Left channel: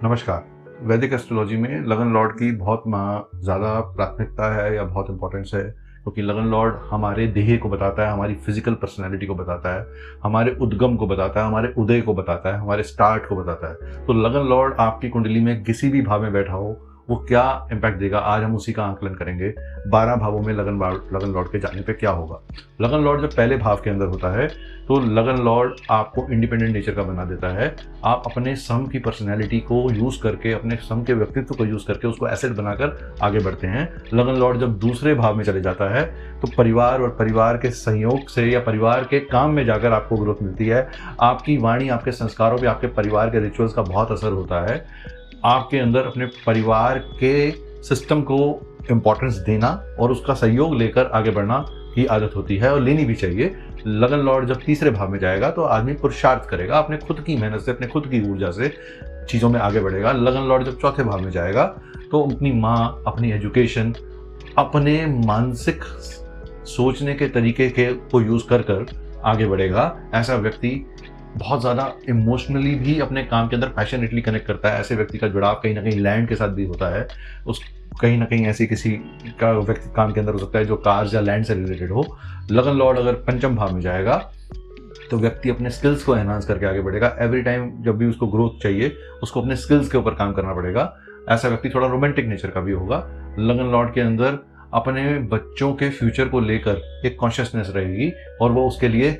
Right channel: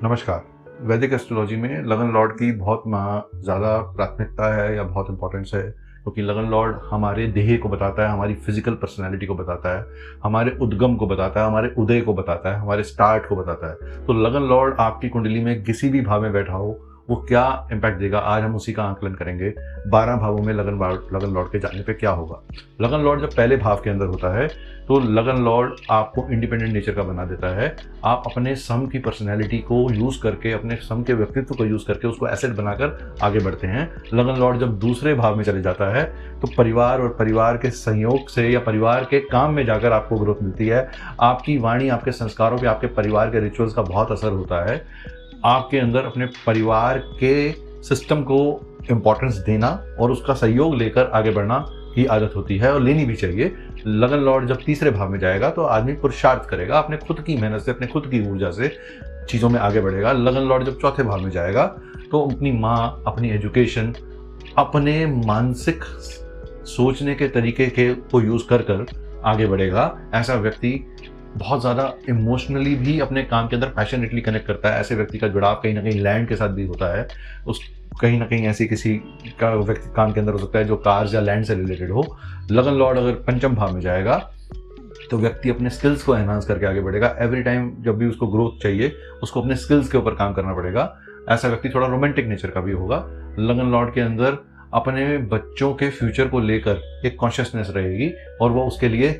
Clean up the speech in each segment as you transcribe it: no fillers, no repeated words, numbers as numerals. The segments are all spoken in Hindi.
नमस्कार। वैदिक एस्ट्रोलॉजी में लगन लॉर्ड की बहुत ज़्यादा प्राथमिकता है या बहुत इंपॉर्टेंस है, क्योंकि लगन लॉर्ड हमारे देह को बताता है, हमारी फिजिकल पर्सनैलिटी को बताता है, हमारे उद्गम को बताता है, हमारे उदय को बताता है, हमारे स्टार्ट को बताता है। तो लगन लॉर्ड आपकी कुंडली में किसी भी भाव में बैठा हो, वो क्या इम्पैक्ट देगा, आज हम उसी का आकलन करेंगे। 12 भावों में लगन लॉर्ड के जाने पे क्या होगा। लगन लॉर्ड जब पहले भाव के अंदर होता है तो लगन लॉर्ड आपको इंडिपेंडेंट नेचर का बना देता है। आप अपने सम की पर्सनैलिटी को यूज करके, अपने सम के व्यक्तित्व को यूज करके उसको एसेट बनाकर आगे बढ़ते हैं। लगन लॉर्ड जब दूसरे भाव में चले जाता है तो परिवार और परिवार के संयोग से या परिवार के काम में जाकर आपको ग्रोथ मिलती है। आपकी वाणी, आपके संस्कारों पे, आपके परिवार के रिचुअल्स का बहुत असर होता है। आपके अंदर अपने परिवार के सिस्टम को इम्पोर्टेंस देना और उसका सहयोग लेकर आगे बढ़ना की आदत होती है, और लेनी भी चाहिए। लगन लॉर्ड जब तीसरे भाव में जाएगा तो आदमी पुरुषार्थ करेगा, अपने खुद की मेहनत से, अपने खुद की ऊर्जा से चीजों में आगे बढ़ेगा। लगन लॉर्ड जब चौथे भाव में जाएगा तो अपनी माँ, अपनी एजुकेशन, अपने मानसिक सोचने के तरीके के को यूज कर आगे बढ़ेगा। ऐसा व्यक्ति बहुत ज्यादा इमोशनली भी अपने काम के अंदर पैशनेटली कनेक्ट करता है। ऐसे व्यक्ति का जुड़ाव कहीं ना कहीं लैंड के साथ भी होता है। उस कहीं ना कहीं ऐसी किसी का व्यक्ति काम के अंदर हो सकता है जो कार्स या लैंड से रिलेटेड हो। लगन लॉर्ड अगर पंचम भाव में जाएगा तो व्यक्ति अपने स्किल्स को एनहांस करके आगे बढ़ेगा। एवरी टाइम जब भी उसको ग्रोथ चाहिए, उसको अपने स्किल्स के ऊपर काम करना पड़ेगा। ऐसा व्यक्ति थोड़ा रोमांटिक नेचर का भी होगा। लगन लॉर्ड के अंदर अपने बच्चों के फ्यूचर को लेकर एक कॉन्शियसनेस रहेगी और वो उसके लिए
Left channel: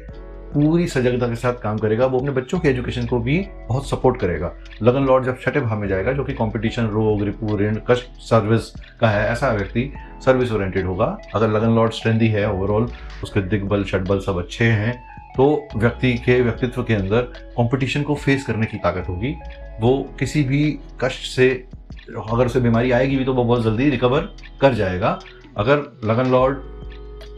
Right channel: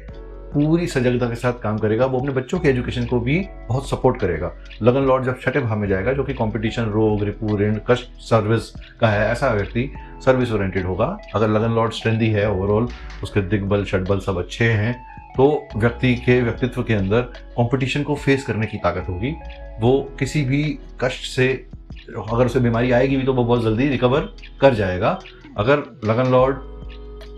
पूरी सजगता के साथ काम करेगा। वो अपने बच्चों के एजुकेशन को भी बहुत सपोर्ट करेगा। लगन लॉर्ड जब छठे भाव में जाएगा, जो कि कंपटीशन, रोग, रिपो, ऋण, कष्ट, सर्विस का है, ऐसा व्यक्ति सर्विस ओरिएंटेड होगा। अगर लगन लॉर्ड स्ट्रेंथी है, ओवरऑल उसके दिग्बल, षटबल सब अच्छे हैं, तो व्यक्ति के व्यक्तित्व के अंदर कंपटीशन को फेस करने की ताकत होगी। वो किसी भी कष्ट से, अगर उसे बीमारी आएगी भी तो वो बहुत जल्दी रिकवर कर जाएगा। अगर लगन लॉर्ड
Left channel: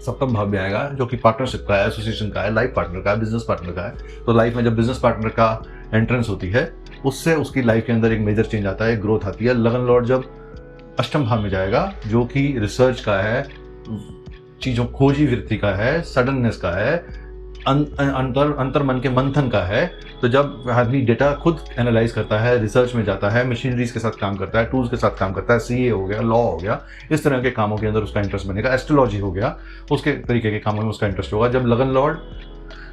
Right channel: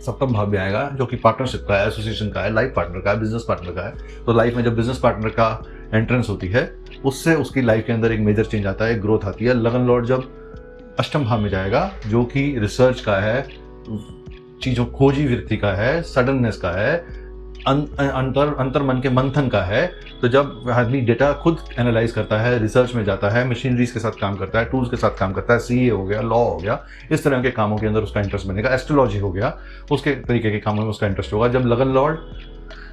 सप्तम भाव में आएगा, जो कि पार्टनरशिप का है, एसोसिएशन का है, लाइफ पार्टनर का है, बिजनेस पार्टनर का है, तो लाइफ में जब बिजनेस पार्टनर का एंट्रेंस होती है, उससे उसकी लाइफ के अंदर एक मेजर चेंज आता है, ग्रोथ आती है। लगन लॉर्ड जब अष्टम भाव में जाएगा, जो कि रिसर्च का है, चीजों खोजी वृत्ति का है, सडननेस का है, अंतर मन के मंथन का है, तो जब आदमी डेटा खुद एनालाइज करता है, रिसर्च में जाता है, मशीनरीज के साथ काम करता है, टूल्स के साथ काम करता है, सीए हो गया, लॉ हो गया, इस तरह के कामों के अंदर उसका इंटरेस्ट बनेगा। एस्ट्रोलॉजी हो गया, उसके तरीके के कामों में उसका इंटरेस्ट होगा। जब लगन लॉर्ड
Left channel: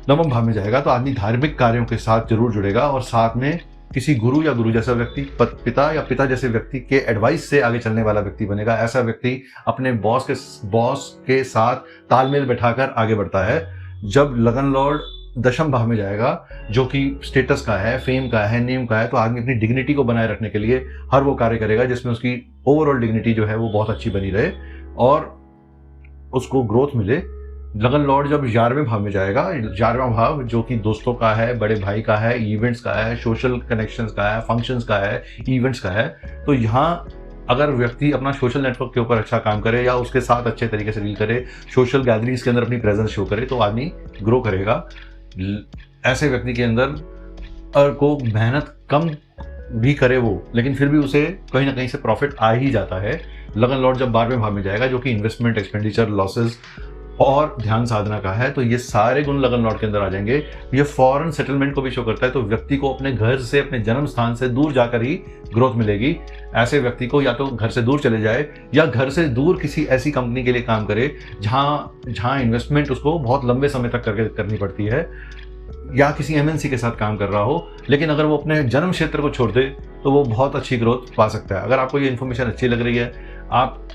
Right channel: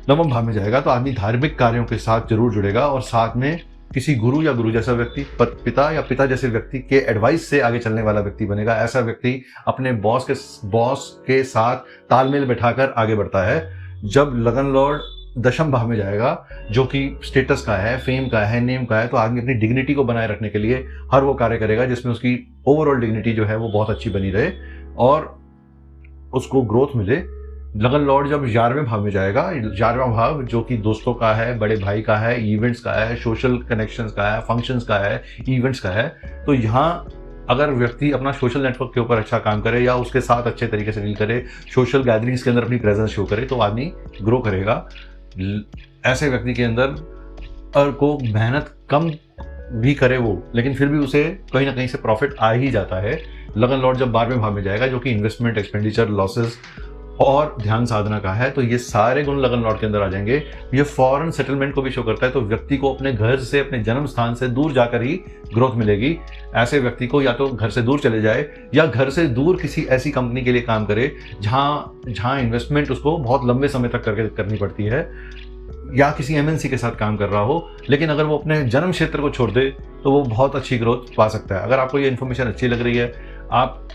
नवम भाव में जाएगा तो आदमी धार्मिक कार्यों के साथ जरूर जुड़ेगा और साथ में किसी गुरु या गुरु जैसा व्यक्ति, पिता या पिता जैसे व्यक्ति के एडवाइस से आगे चलने वाला व्यक्ति बनेगा। ऐसा व्यक्ति अपने बॉस के साथ तालमेल बैठाकर आगे बढ़ता है। जब लगन लॉर्ड दशम भाव में जाएगा, जो कि स्टेटस का है, फेम का है, नेम का है, तो आदमी अपनी डिग्निटी को बनाए रखने के लिए हर वो कार्य करेगा जिसमें उसकी ओवरऑल डिग्निटी जो है वो बहुत अच्छी बनी रहे और उसको ग्रोथ मिले। लगन लॉर्ड जब 11वें भाव में जाएगा, 11वां भाव जो कि दोस्तों का है, बड़े भाई का है, इवेंट्स का है, सोशल कनेक्शंस का है, फंक्शंस का है, इवेंट्स का है, तो यहाँ अगर व्यक्ति अपना सोशल नेटवर्क के ऊपर अच्छा काम करे या उसके साथ अच्छे तरीके से डील करे, सोशल गैदरिंग्स के अंदर अपनी प्रेजेंस शो करे, तो आदमी ग्रो करेगा। ऐसे व्यक्ति के अंदर और को मेहनत कम भी करे वो, लेकिन फिर भी उसे कहीं ना कहीं से प्रॉफिट आ ही जाता है। लगन लॉर्ड जब 12वें भाव में जाएगा, जो कि इन्वेस्टमेंट, एक्सपेंडिचर, लॉसेस और ध्यान साधना का है, तो ये सारे गुण लगन लॉर्ड के अंदर आ जाएंगे। ये फॉरेन सेटलमेंट को भी शो करता है, तो व्यक्ति को अपने घर से, अपने जन्म स्थान से दूर जाकर ही ग्रोथ मिलेगी। ऐसे व्यक्ति को या तो घर से दूर चले जाए या घर से दूर किसी ऐसी कंपनी के लिए काम करे जहां इन्वेस्टमेंट उसको बहुत लंबे समय तक करनी पड़ती है, या किसी एमएनसी के साथ काम कर रहा हो, लेकिन अगर वो अपने जन्म क्षेत्र को छोड़ दे तो वो बहुत अच्छी ग्रोथ पा सकता है। अगर आपको ये इन्फॉर्मेशन अच्छी लग रही है, आप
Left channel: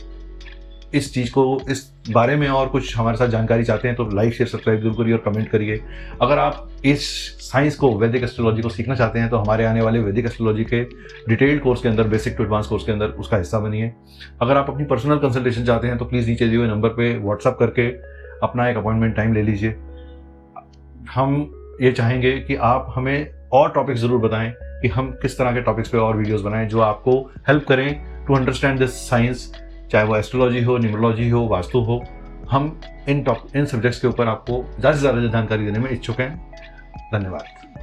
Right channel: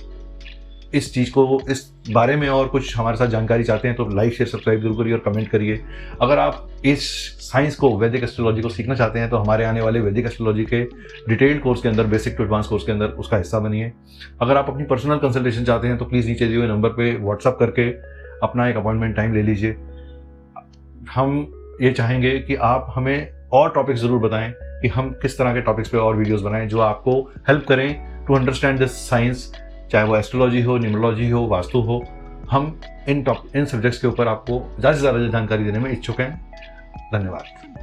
इस चीज को, इस बारे में और कुछ हमारे साथ जानकारी चाहते हैं, तो लाइक, शेयर, सब्सक्राइब जरूर करिए और कमेंट करिए। अगर आप इस साइंस को, वैदिक एस्ट्रोलॉजी को सीखना चाहते हैं, तो हमारे आने वाले वैदिक एस्ट्रोलॉजी के डिटेल्ड कोर्स के अंदर, बेसिक टू एडवांस कोर्स के अंदर उसका हिस्सा बनिए। अगर आप अपनी पर्सनल कंसल्टेशन चाहते हैं तो प्लीज नीचे दिए हुए नंबर पे व्हाट्सअप करके अपना एक अपॉइंटमेंट टाइम ले लीजिए। हम ये चाहेंगे कि आप हमें और टॉपिक जरूर बताएं कि हम किस तरह के टॉपिक्स पे और वीडियोस बनाएं जो आपको हेल्प करें टू अंडरस्टैंड दिस साइंस, चाहे वो एस्ट्रोलॉजी हो, न्यूमरोलॉजी हो, वास्तु हो। हम इन सब्जेक्ट्स के ऊपर आपको ज़्यादा से ज़्यादा जानकारी देने में इच्छुक हैं। धन्यवाद।